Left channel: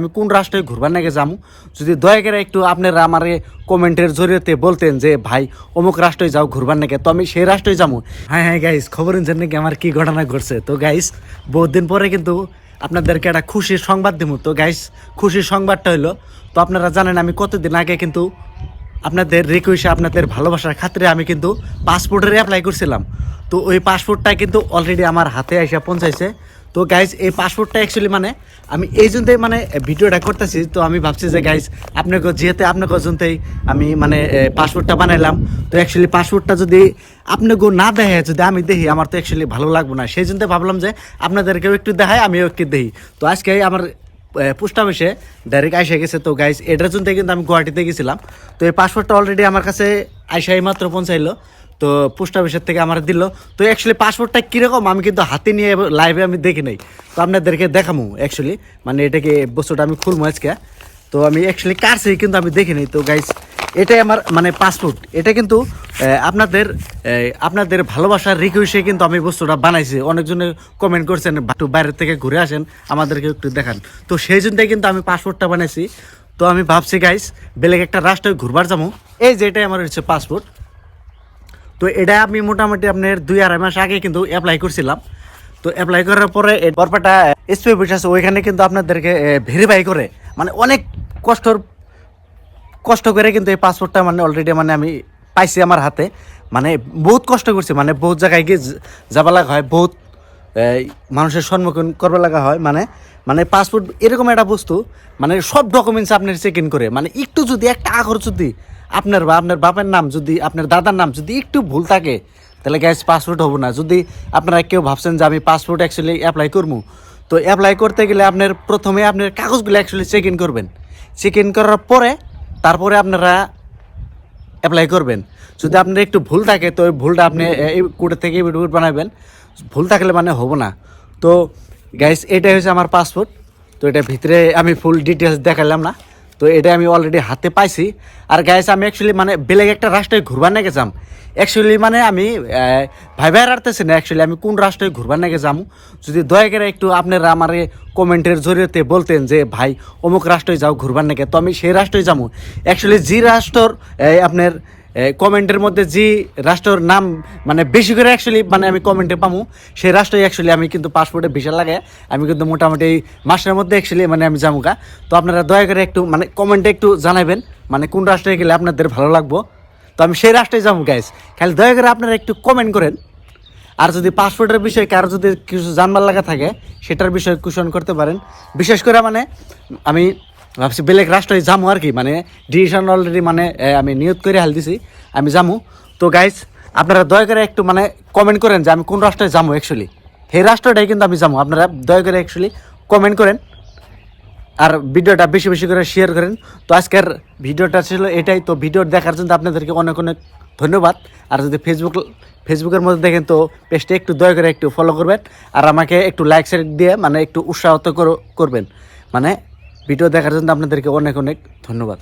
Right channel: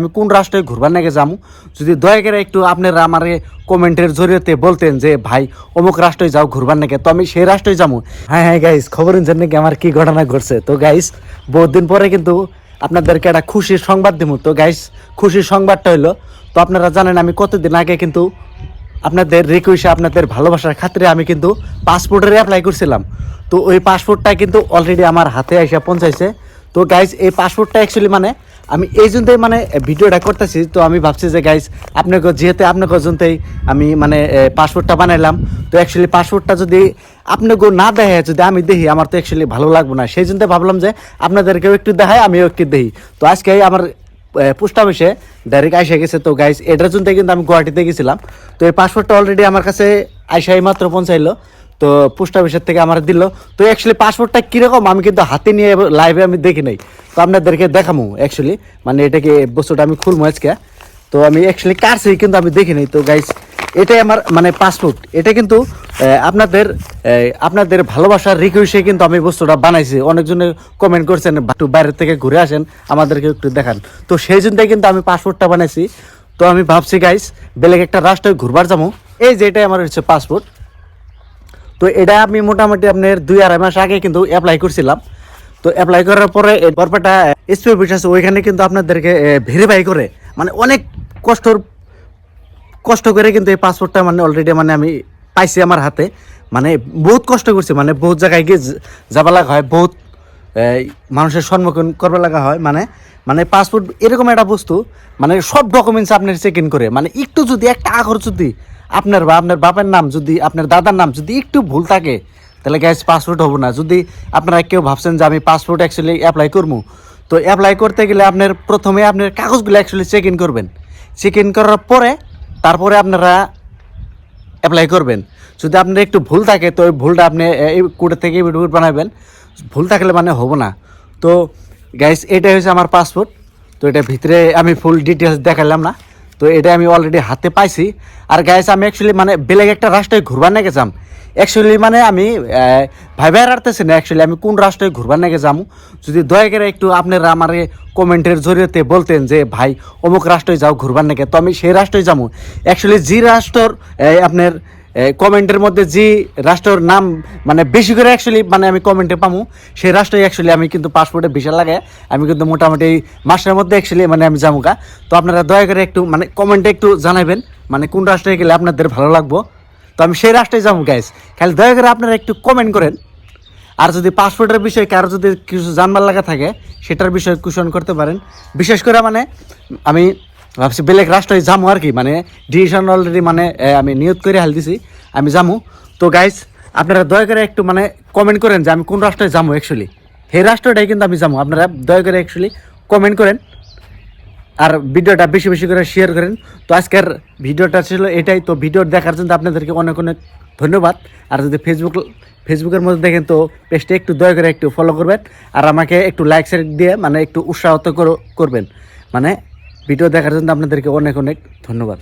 আমি কোন রাষ্ট্রে ঘুরবার নাকি যামু, যদি দয়া করে একটু আপনারা আমার কমেন্টের জরিয়তে বলতেন যে ভাই অমুক রাষ্ট্রে যাও ঘুরবার নাকি, তো আমি সেই রাষ্ট্রে যাবো। হ্যাঁ হ্যাঁ গাইস, খবর নিচ্ছেন নাকি আমার কি ঘটনা ঘটছে। তো গাইস বহুত দিন পরে কিন্তু আপনাদেরকে একটা খুশির সংবাদ দিব। তো গাইস খুশির সংবাদটা হইলো, তো আপনারা জানেন আমি কতদিন আগে কিন্তু আপনাদের রিকোয়েস্টে আপনাদের ভালোবাসার খাতিরে আমি কিন্তু পাসপোর্টের অ্যাপ্লাই করছিলাম। তো ওই পাসপোর্টটা কিন্তু অলরেডি আমার হাতে এসে পৌঁছাইছে। তো গাইজ এই পাসপোর্টটা অ্যাকচুয়ালি মানে আমি এই জন্যই মানে ভিডিওটা করতেছি। তো আমি ভাবছি যে গাইজ আপনাকে যেহেতু আপনাকে জন্যই আমি মানে পাসপোর্টটা বানাইলাম, তো অ্যাকচুয়ালি পাসপোর্টটা যদি আপনাকে না দেখে যদি আমি দেখি আমার তো অ্যাকচুয়ালি ভালো লাগবে না, সেই জন্য ভাবলাম যে আপনাদেরকেও একটু দেখাই আমিও একটু দেখি। তো আজকে আমার পোস্ট অফিসে ডাইরেক্ট আইসা গেছে। তো গাইজ এটার জন্য কিন্তু আমি গুয়াহাটিতে গেছিলাম। তো এই পাসপোর্টটা অলরেডি আমার কাছে আইসাই মাত্র পৌঁছাইলো। তো পোস্ট অফিসের থেকে আমার দিল। তো অ্যাকচুয়ালি পাসপোর্টটা কীরকম আমি কিন্তু হাতে নিয়ে লাইভে আমি দেখি নাই, তো আপনাদেরকে দেখামো অ্যাকচুয়ালি মানে এটাকে বস্তুটা আমি খুলবো আজকে। তো আমি অ্যাকচুয়ালি কারছেই কিন্তু আমি দেখি নাই। তো গাইজ এটাই আমার মানে পাসপোর্ট, এটা কিন্তু আপনাদের ভালোবাসার রিকোয়েস্টে কিন্তু আমি বস্তুটা বানাইছি। অনেকজনে কমেন্ট করছেন একটু বাইরের থেকে ঘুরে আসেন আমাদেরকে একটু দেখান, তো সেই জন্যই কিন্তু আমি পাসপোর্টটা বানাইছি। তো আমি ভাবছি গাইজ বেলেগ একটা রাষ্ট্রে ঘুরবার যাবো, এই যে এটাই আমার হচ্ছে পাসপোর্ট। তো এটা আমি মোটামুটি আপনার 2-2.5 মাস আগে কিন্তু অ্যাপ্লাই করছিলাম। তো অ্যাপ্লাই করার পরে বরপেটা এসপি অফিস আছে, ওইখানে কিন্তু আপনাদেরকে ভেরিফাই করে মানে অনেক কষ্ট করে কিন্তু এই পাসপোর্টটা মানে অলরেডি মানে আমি পাইছি আমার হাতে। মানে বহুত কষ্ট করছি, মানে বহুত জায়গায় গিয়ে যাবা লাগা হয়, বহুত মানুষের সম্মুখীন করবা লাগা হয়। মানে পাসপোর্ট এরকম একটা বস্তু মানে সব ডকুমেন্টস আপনার চেক ইন করে, মানে একটু যদি একটা আখর যদি আপনার বা আপনার বাপের নাম যদি আপনার দাদার নাম যদি একটু ভুল থাকে তাহলে গ্যাস পাসপোর্ট হবো না। যদি আপনারা কেউ ভাবছেন যে আমি পাসপোর্ট অ্যাকচুয়ালি অ্যাপ্লাই করবো, তো অ্যাপ্লাই করতে গেলে আপনার প্রথমে আপনার কাগজগুলো অ্যাকচুয়ালি চেক ইন করবেন। চেক ইন করার পরে তারপরে আপনারা অ্যাপ্লাই করবেন। যদি আপনার একটু ভুল থাকে তো ওই ভুলটা আপনি এই কোড থেকে বানাবেন, ভুল থাকলে মানে হবো না। তো গাইস এটাই হচ্ছে আমার পাসপোর্ট। তো এটা ভিতরে আমি ফুল ডিটেলস দেখালাম না, তো এটা আমি অলরেডি হাতে পাইছি। আর গাইস আমি অ্যাকচুয়ালি মানে বেলেগ একটা রাষ্ট্রে ঘুরবার নাকি যাম, অ্যাকচুয়ালি মানে আমি ভাইবার আরতেছি না অ্যাকচুয়ালি আমি কোন রাষ্ট্রে ঘুরবার নাকি যামু, যদি দয়া করে একটু আপনারা আমার কমেন্টের জরিয়তে বলতেন যে ভাই অমুক রাষ্ট্রে যাও ঘুরবার নাকি, তো আমি সেই রাষ্ট্রে যাবো। অ্যাকচুয়ালি যে রাষ্ট্রর আপনার কমেন্টের মধ্যে যে রাষ্ট্রের নাম মানে বেশি করে অ্যাকচুয়ালি মানে আমি কমেন্টে পাবো, সেই রাষ্ট্রে অ্যাকচুয়ালি আমি কিন্তু পাসপোর্টে ভিসা লাগাই আমি কিন্তু মোটামুটি এই মাসের মধ্যে অ্যাকচুয়ালি মানে আমি যাবো গা। তো আপনারা দয়া করে একটু মানে কমেন্টে একটু জানাবেন মানে কোন রাষ্ট্রে গেলে আপনাদের ভালো লাগবো, তো আমি সেই রাষ্ট্রে যাবো গাইস। খালি দয়া করে আপনারা একটু কমেন্ট করেন। আর যদি পাসপোর্টের বিষয়ে কারো যদি কিছু জানবার লাগা থাকে সেটার বিষয়ে কোয়েশন করতে পারেন। বিশেষ করে মানে আমি ভাবছি বেলেগ রাষ্ট্রে যাবো আর কি, মানে ডিসিশন অলরেডি মানে আমি নিয়ত করে হাল দিছি আমি যাবো। তো গাইস আপনারা দয়া করে একটু মানে কমেন্ট করেন যে আমি কোন রাষ্ট্রে যাবো অ্যাকচুয়ালি, সেই রাষ্ট্রটাই কিন্তু আমি যাবো। আপনারা দয়া করে অ্যাকচুয়ালি কমেন্ট করেন আর ভিডিওটা বেশি বেশি করে শেয়ার করেন। তো আজকের ভিডিওটা ছিল এটাই। তো ভিডিও দেখার জন্য আপনাদেরকে অনেক অনেক ধন্যবাদ। আর যদি ফেসবুকের মধ্যে দেখেন তো পেজটা একটু দয়া করে একটু ফলো করবেন আর আমাকে একটু লাইক শেয়ার দিয়ে মানে একটু উৎসাহিত করবেন। মানে ভিডিও দেখার জন্য আপনাদেরকে অনেক অনেক ধন্যবাদ।